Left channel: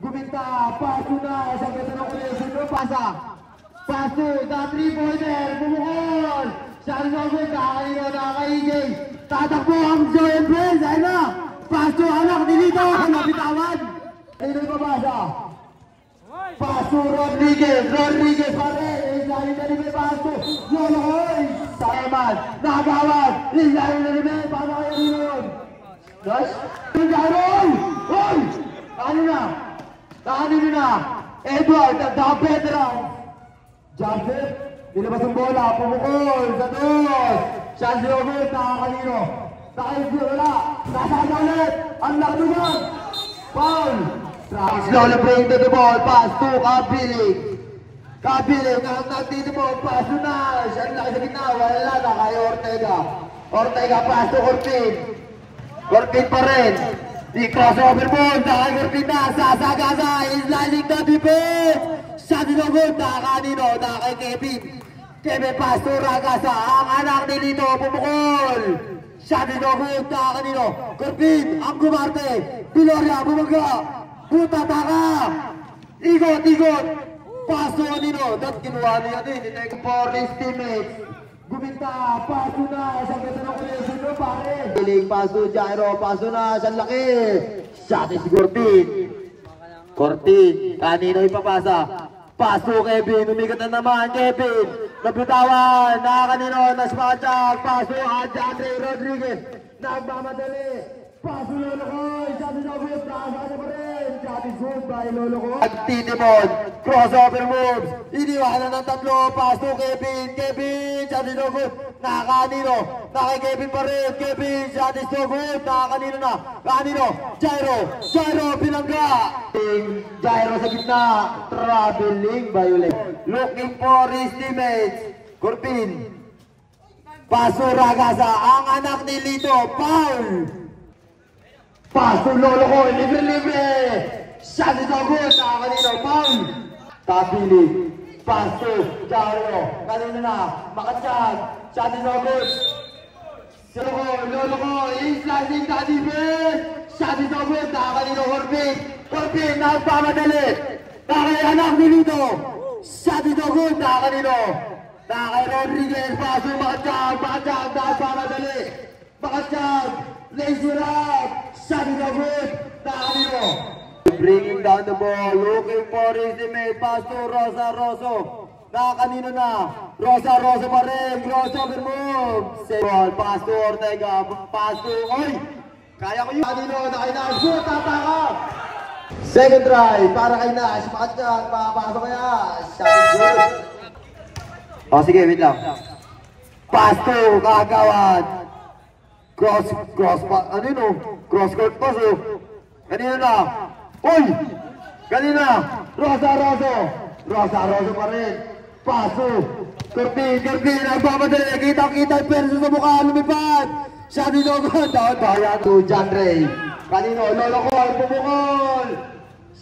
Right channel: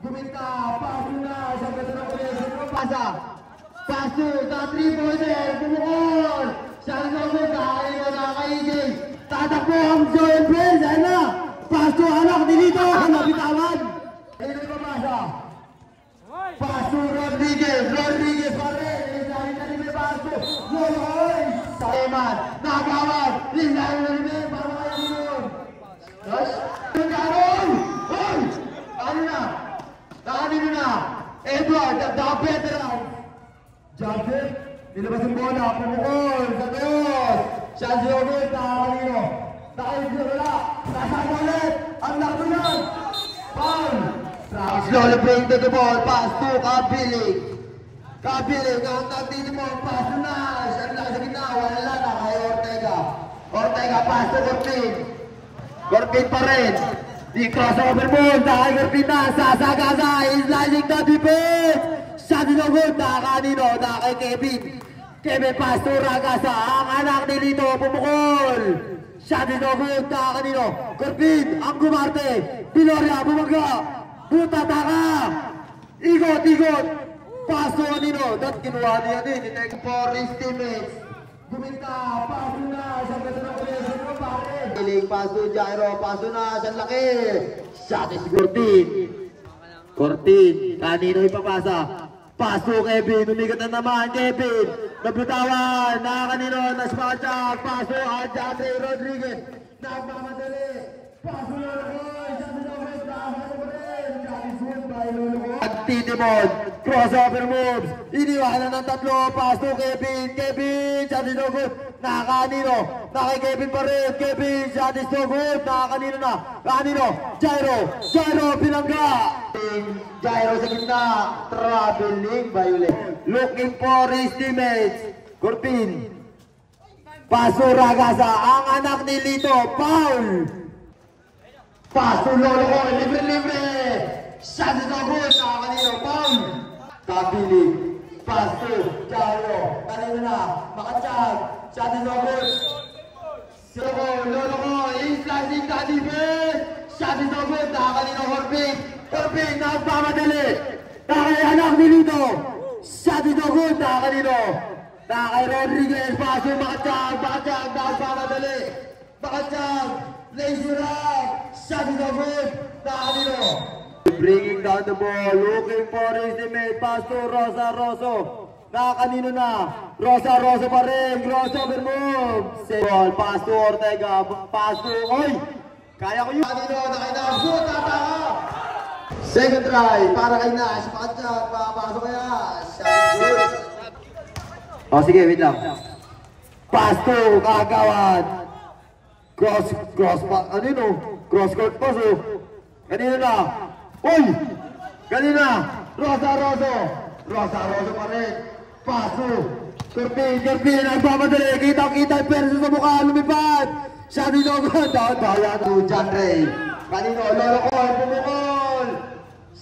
Guminta, paso na, sa ganda ng connection mo, pasa. Paso, na 3-pointer, bumukol. Sari Nobel, nakakalino, nakaka-EJ. Tatakbo ang Joel Prince, ayun na. Paso, anak, nilito, nabitawan. Ayun na yung pasa. Paso, Rodriguez pa rin. Lagi na rin may paso. Loloy, Saeman, nakabawag. Lagi na rin may, paano kaya rin yun? Dos? Jaron! Hoy! Ano na? Nakanin na. Edward, nagdaka-petra. Jumper, nilabas ang bola, pumukol, sa dos. Chance over, nakakalino. Nakakalino, wala. Nasaan ulit. Ang lakunan. Foul. Lola bring to the ball, pass to Kabiling. Kabiling, ang nagtitipon, pass to Nash. Ang laki sa gitna, wala na kay Ortega. Ortega, pass to Cortin. Cortin pa rin. Di crossover mo, kay Cortin na, sasagasa, sliding the defense. Shot is good, nakakanino, kay Kevin. Kevin, pass to Ragasa, ang anak ni Lito, pumukol. Shot is good, nakakanino. Cortin, ang gumarte. Piloria, bumaga. Puta taka! Ikot! Paso nino! Dat kinuha niya din. Itek for his teammates. Guminta! Paso na! Saan ganda ng connection mo pare? Piling paso, Jairo. Paso na! Saan laki? Shot is Cortin. Kanino ipapasa? Paso Kevin. Umigat na naman Kevin. Nabutawan. Nakakanino. Nasmachak. Paso Andre Rodriguez. Nagmamadali. Paso Lolokoy. Shot is good. Nakasano pa rin. At Titimon, crossover moves, iniwanan ng tatlo, pass to Kevin, shot is no good, nakakanino, nakay Kevin pa rin, Kevin, shot is no good, nakakanino na, kanino, Jairo, pinangga, Jairo sa gitna, traveling violate, looking for his teammates, Cortin, paso Ragasa, ang anak ni Lito, foul, paso Lolokoy, libre, shot is no good, nakakanino, foul. Kabiling, paso, Jairo, kanino na, makatsyag, shot is no good. Lolokoy, slicing the defense, shot is no good, nakakanino, Corpin, nagpamadali, nakay anak ni Lito, shot is no good, nakakanino, nakay Rodriguez, paso, makatsyag, nagpamadali, makatsyag, lazy rap, shot is no good, nakakanino. Bringing down the ball, looking for his teammate, pass to Rosa. Nakakanino na, Rosa pa rin, crossover move. Ball, pass to Ortega, pass to, kaya ko yun. Kanino, shoot, tataka. Second try, para kay Nash, makatsyag, papasok kaya. Shot good. Sige, wait lang. Pass to Kagawad. Cross court pass, kanino na. Kanina, Rosa pa rin. Paso, Cortin, nagpapadali, kita yung perso sa mukha, lumipad. Shot is no good, down bayan to John Ray. Kanino, Lolokoy, pumukol.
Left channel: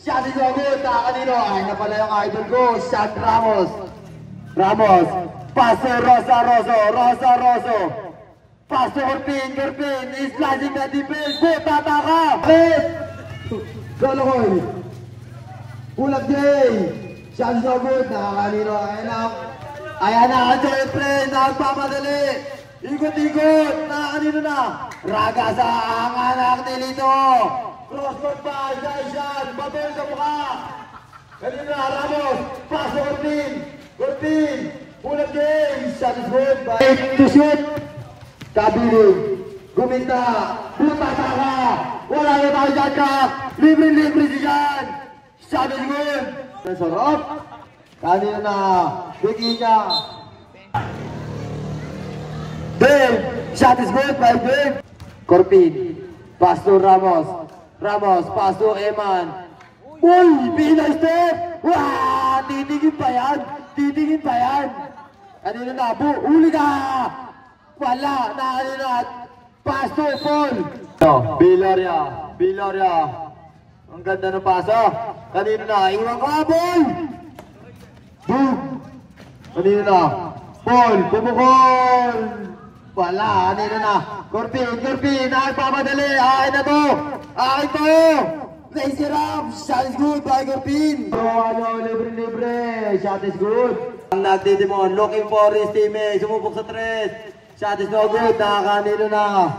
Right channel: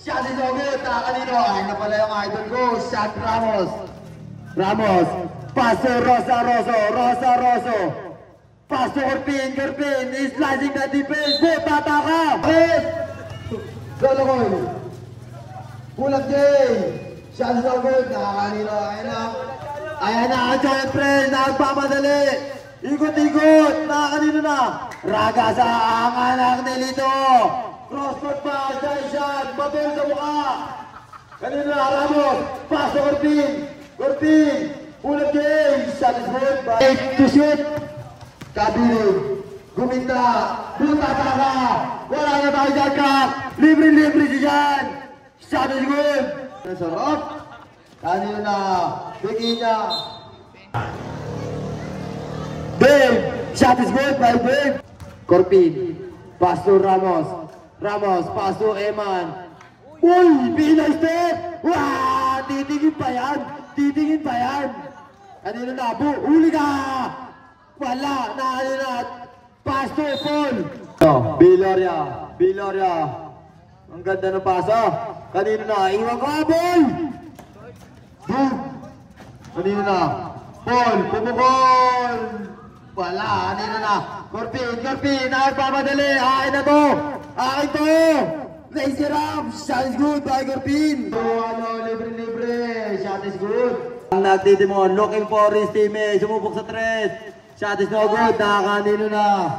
Shot is no good, kanino, ay na pala yung idol ko, shot Ramos, paso Rosa. Paso Cortin, slicing the defense, tataka. Lolokoy, Pulag Jay, shot is no good, nakakanino, ayan na, Joel Prince, nagpamadali, ikot, nakakanino na, Ragasa, ang anak ni Lito, crosscourt pass, shot, mabil sa mukha, kanino na, Ramos, paso Cortin, Pulag Jay, shot is good, to shoot, Kabiling, Guminta, puta taka, wala na tayo dyan ka, libre si Jan, shot is good, sarap, kanina na, bigyan niya, Dave, shot is good by Dave, Cortin, pass to Ramos, pass to Eman, Pina step, titingin pa yan, kanina na, huli ka, wala, kanina na, pass to Paul. Biloria. Ang ganda ng pasa. Kanino na, iwan ka, Paul! Boom! Kanino na, Paul, pumukol! Wala, kanino na, Corpin, nagpamadali, akin na to! Akin to! Raise it up! Shot is good by Gorpin! Libre. Shot is good. Ang nagtitimon, looking for his teammate. Sumubok sa tres. Shot is no good. Nakakanino na.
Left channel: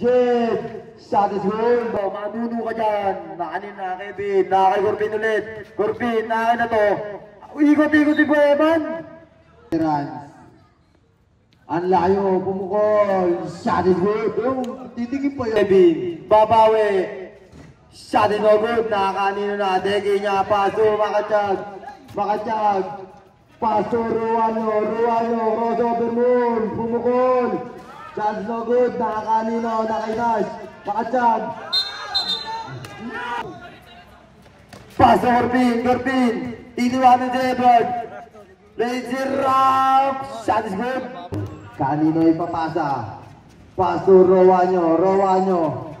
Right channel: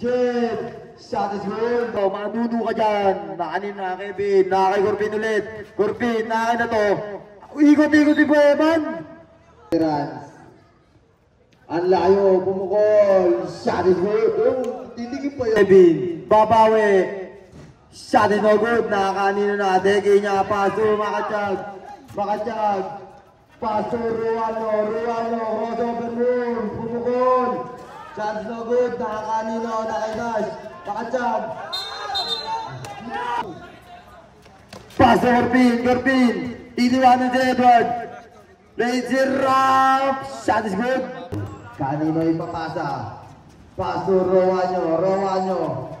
Jed. Shot is good. Manuno ka dyan. Nakakanino na Kevin. Nakakay Gorpin ulit. Gorpin, nakakin na to. Ikot-ikot po Evan. Ang layo, pumukol. Shot is good. Titigin pa yun. Kevin, babawi. Shot is no good. Nakakanino na. Degi niya. Paso, makachag. Paso, Ruano. Crossover moon. Pumukol. Shot is no good. Nakakanino. Nakainas. Makachag. Paso, Gorpin. Titiwanan si Edward. Laser up. Shot is good. Kanino ipapasa. Paso, Rowanyo.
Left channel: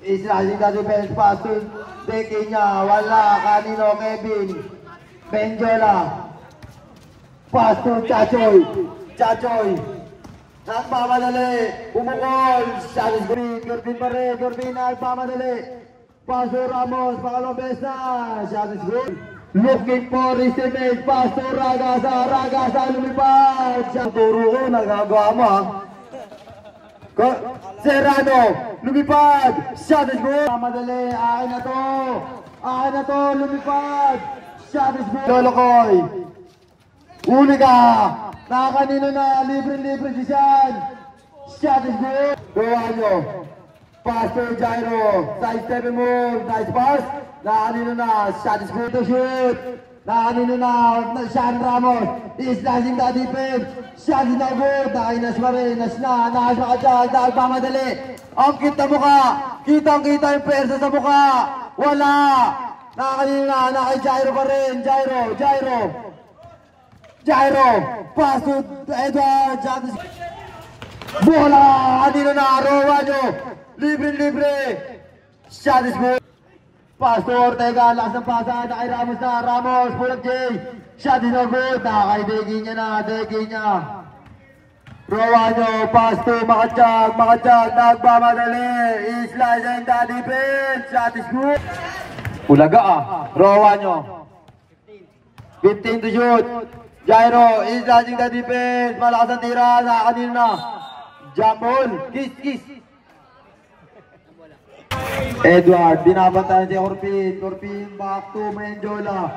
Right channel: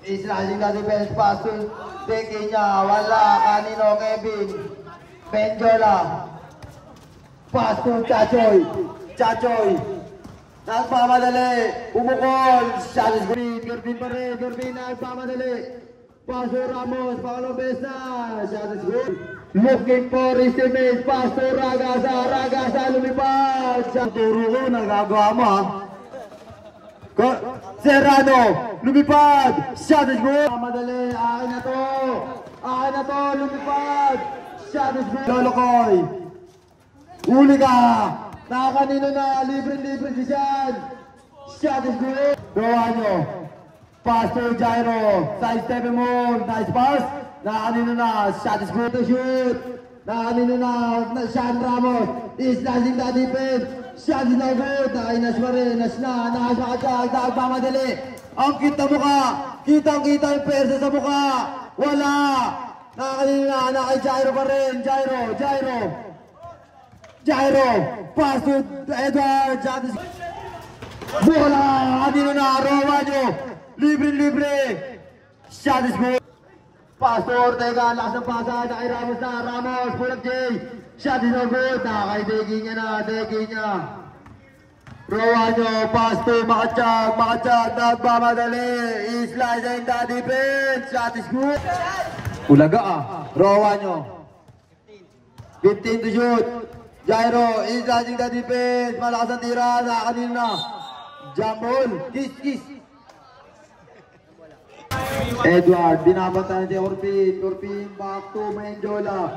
Israeli na defense. Paso. Deki niya. Wala. Kanino, Kevin. Benjola. Paso, Chachoy. Nagpamadali. Umukol. Shot is good. Gorpin pa rin. Gorpin nagpamadali. Paso, Ramos. Pangalong beses na. Shot is good. Looking for his teammate. Paso, Ragasa. Lumipad. Turo ko. Nagagawa mo ha. Serrano. Lumipad. Shot is good. Madali. Akin na to. Lumipad. Shot is good. Lolokoy. Uli ka. Nakakanino na. Libre si Sean. Shot is good. Rowanyo. Pass to Jairo. Side step mo. Nice pass. Nakakanino na. Shot is good to shoot. Nakakanino na. Sean Ramos. Is slicing the defense. Shot is not good. Nakainas pa rin. Nakas makatag. Nakapamadali. Ang kita mukha. Kitang-kita yung persa sa mukha. Wala. Nakakanino na. Nakay Jairo pa rin. Jairo. Pass to Edward. Shot is good. Bola. Kanino na. Rowanyo. Libre. Shot is good. Pass to Ortega. Lakas ng pasa. Nakay Ramos na. Ramos. Pull-up J. Shot is not good. Nakay Degi niya. Rowanyo. Pass to Makachag. Nagbamadali. Slice and the defense. Shot is good. Ulaga Rowanyo. 15 to shoot. Jairo. Is slicing the defense. Malakas ang tira. Nakakanino na. Jump ball. Kiss. Edward, binabantayan si Gorpin, back to Menjola.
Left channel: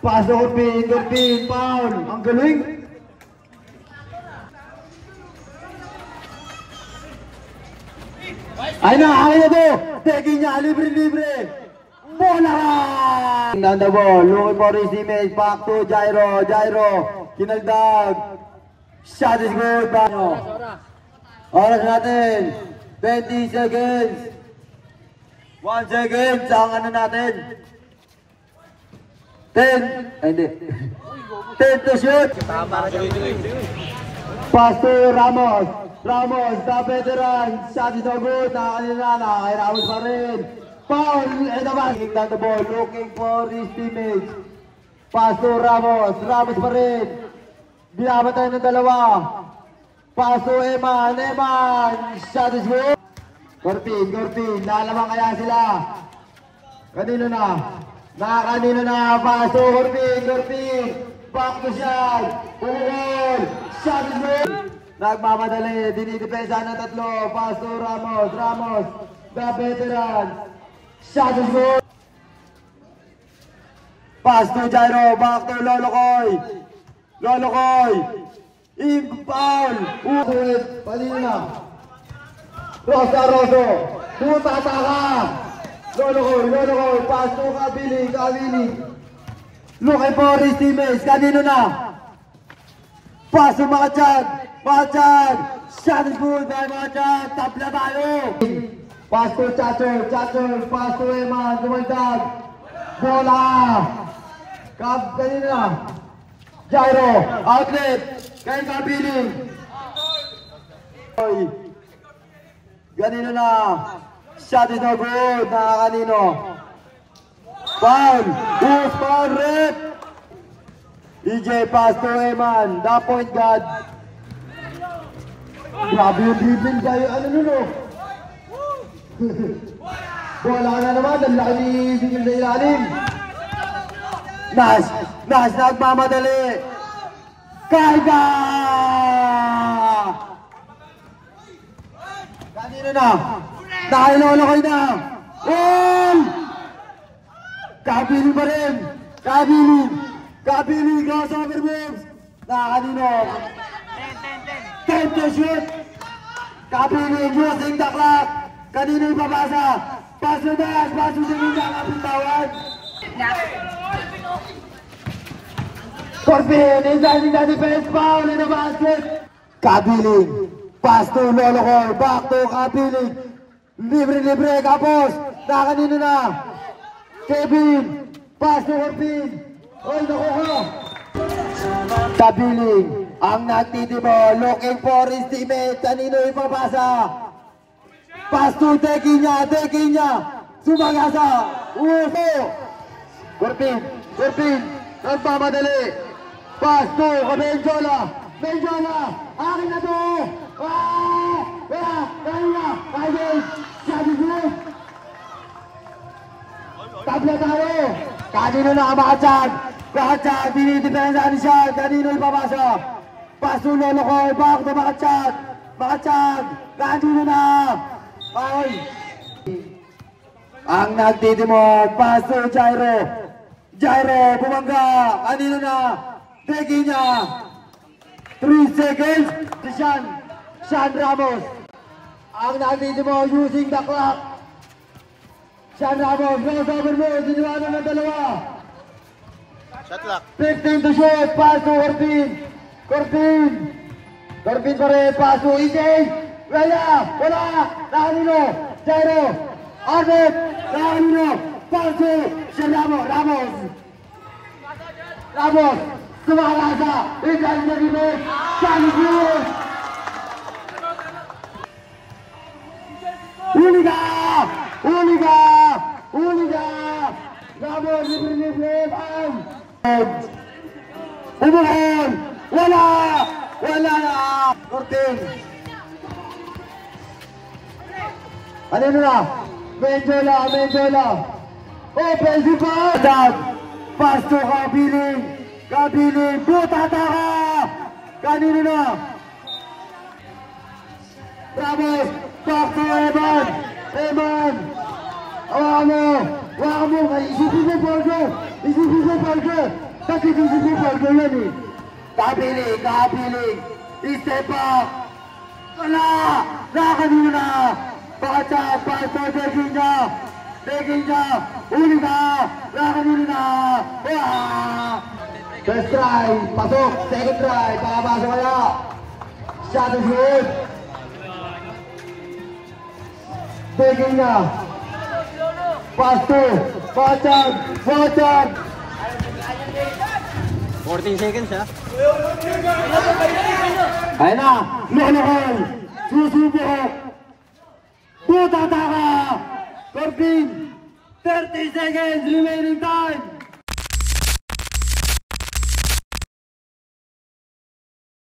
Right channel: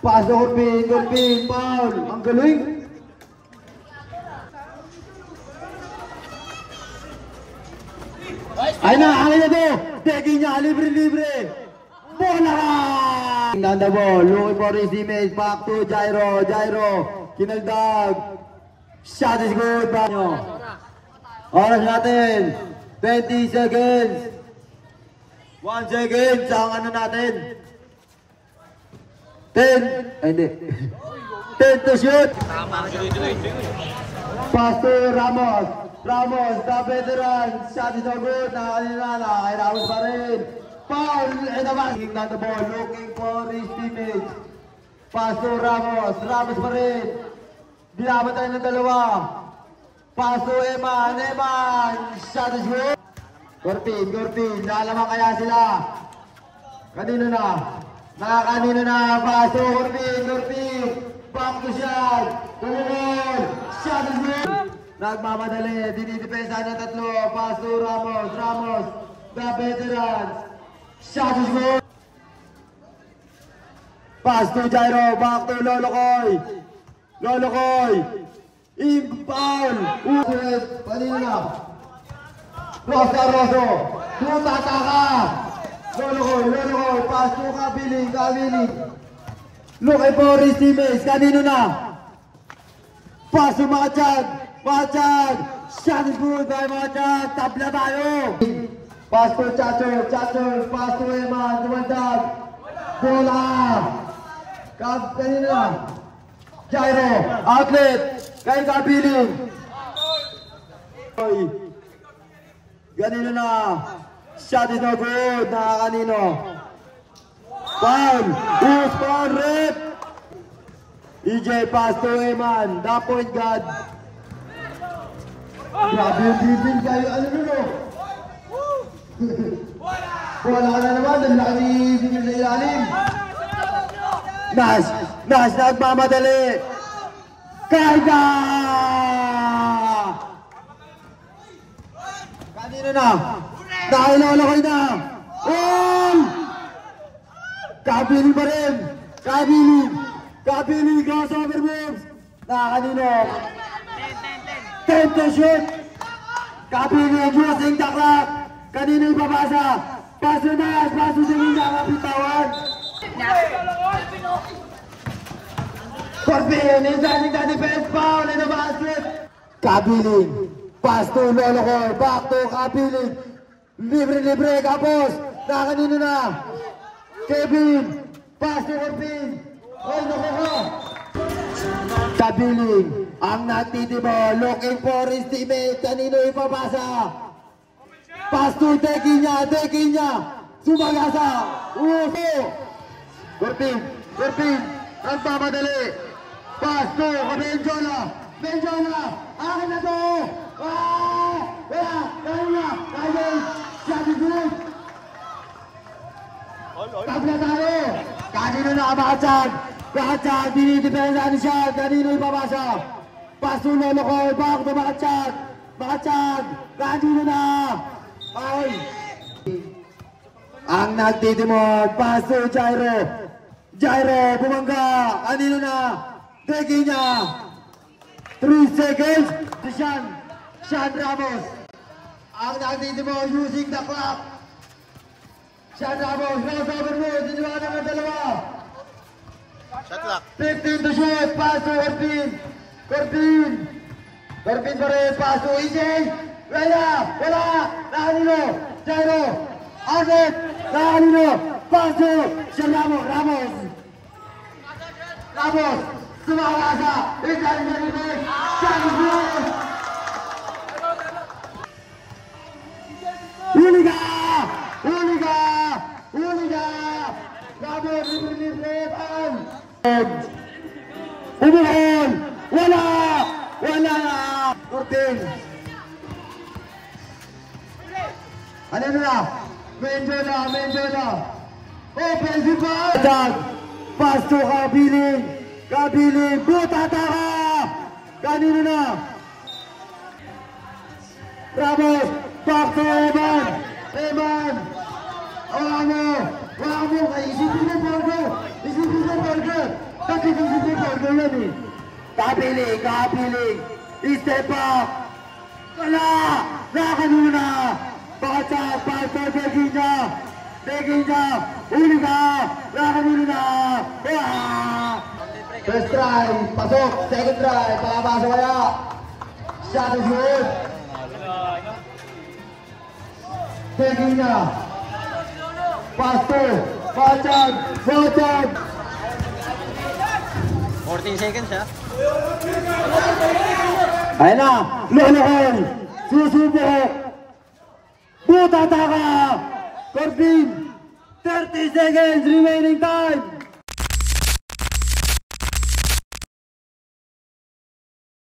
Paso Gorpin, foul. Ang galing. Ay na to. Teki niya, libre. Bola! On the ball, looking for his teammates, back to Jairo. Kinagdag. Shot is good. Oras natin, 20 seconds. 1 second, ang ano natin. 10 to shoot. Pass to Ramos, the veteran. Shot is no good, nakakanina, kay Ramos pa rin. Foul, king down the ball, looking for his teammates. Pass to Ramos pa rin. Binabatay ng dalawa. Paso Eman, shot is good. Gorpin, nalaman kaya sila. Kanino na, paso Gorpin, back to shot, pumukol, shot is good. Nagmamadali, dinidepensa ng tatlo, paso Ramos, the veteran, shot is good. Pass to Jairo, back to Lolokoy. Foul! Kanino na? Roso! Tumataka! Lolokoy! Pass to Kabiling! Looking for his teammates! Kanino na? Pass to Makachag! Shot is good by Makachag! Tabla tayo! Pass to Chacho! Pass to Eman! Dumaldag! Bola! Kanino na? Jairo! Outlet! Kaya Kabiling! Ganino na! Shot is no good! Nakakanino! Foul! Who's foul? Red! EJ pass to Eman, the point guard. Grabe yung dribbling kayo. Ano nun o? Bola ka na naman, ang laki ni Sigil sa ilalim. Nash nagmamadali. Karga! Kanino na? Nakilolokoy na. Kabiling pa rin. Kabiling crossover moves. Kanino? 10 to shoot. Kabiling using the clock. Kanino ipapasa? Paso Nash, paso Sigil na kapitawan. Corbin, inside the defense foul in the basket. Kabiling, pass to Lolokoy, back to Kabiling. Libre, kapos. Kanino na? Kevin, pass to Corbin. Oy, nakuha. Kabiling, ang nagtitimo, looking for his teammate. Kanino ipapasa? Pass to Tekinya. Sumagasa. Uso. Corbin, nagmamadali. Pass to Benjola. Akin na to. Kaya. Sabi good. Tabla tayo. Kanino na makachad. Dinidepensa ni siya. Kanino ipapasa. Pass to Lolokoy. Back to makachad. Kanino na. Ay. Ang nagtitimod. Pass to Jairo, bumangga. Kanino na? Tekinya. 3 seconds. Sean Ramos. Ang nagtitimod using the clock. Sean Ramos, crossover mo. Siniwanan ng dalawa. Shot clock. 15 to shoot. Pass to Corbin pa rin. Pass to EJ. Wala. Kanino? Jairo. Agit. Kanino? Pass to Sean Ramos. Sumakasa. Inside the defense. Sabi good. Huli ka! Ramos, libre. Umuhon! Wala na! Cortin! Ano na? Menjola! Offensive foul! Pass to Kabiling! Butata ka! Kanino na? Ramos! Back to Eman! Hawakan mo! Isipin mo Borgo! Kakibisip mo Borgo yan eh! Kabiling! Step back! Wala! Kanino na? Pakachap! Pass to Tekinya! Uli ka! Kanino na? First try, pasok. Second try, pakapasok kaya. Shot is good. Tekinya. Pass to. Bachag. 14 seconds ha. Ayan na. Lolokoy. Susubo. Butata ka. Corbin. 30 seconds remaining time.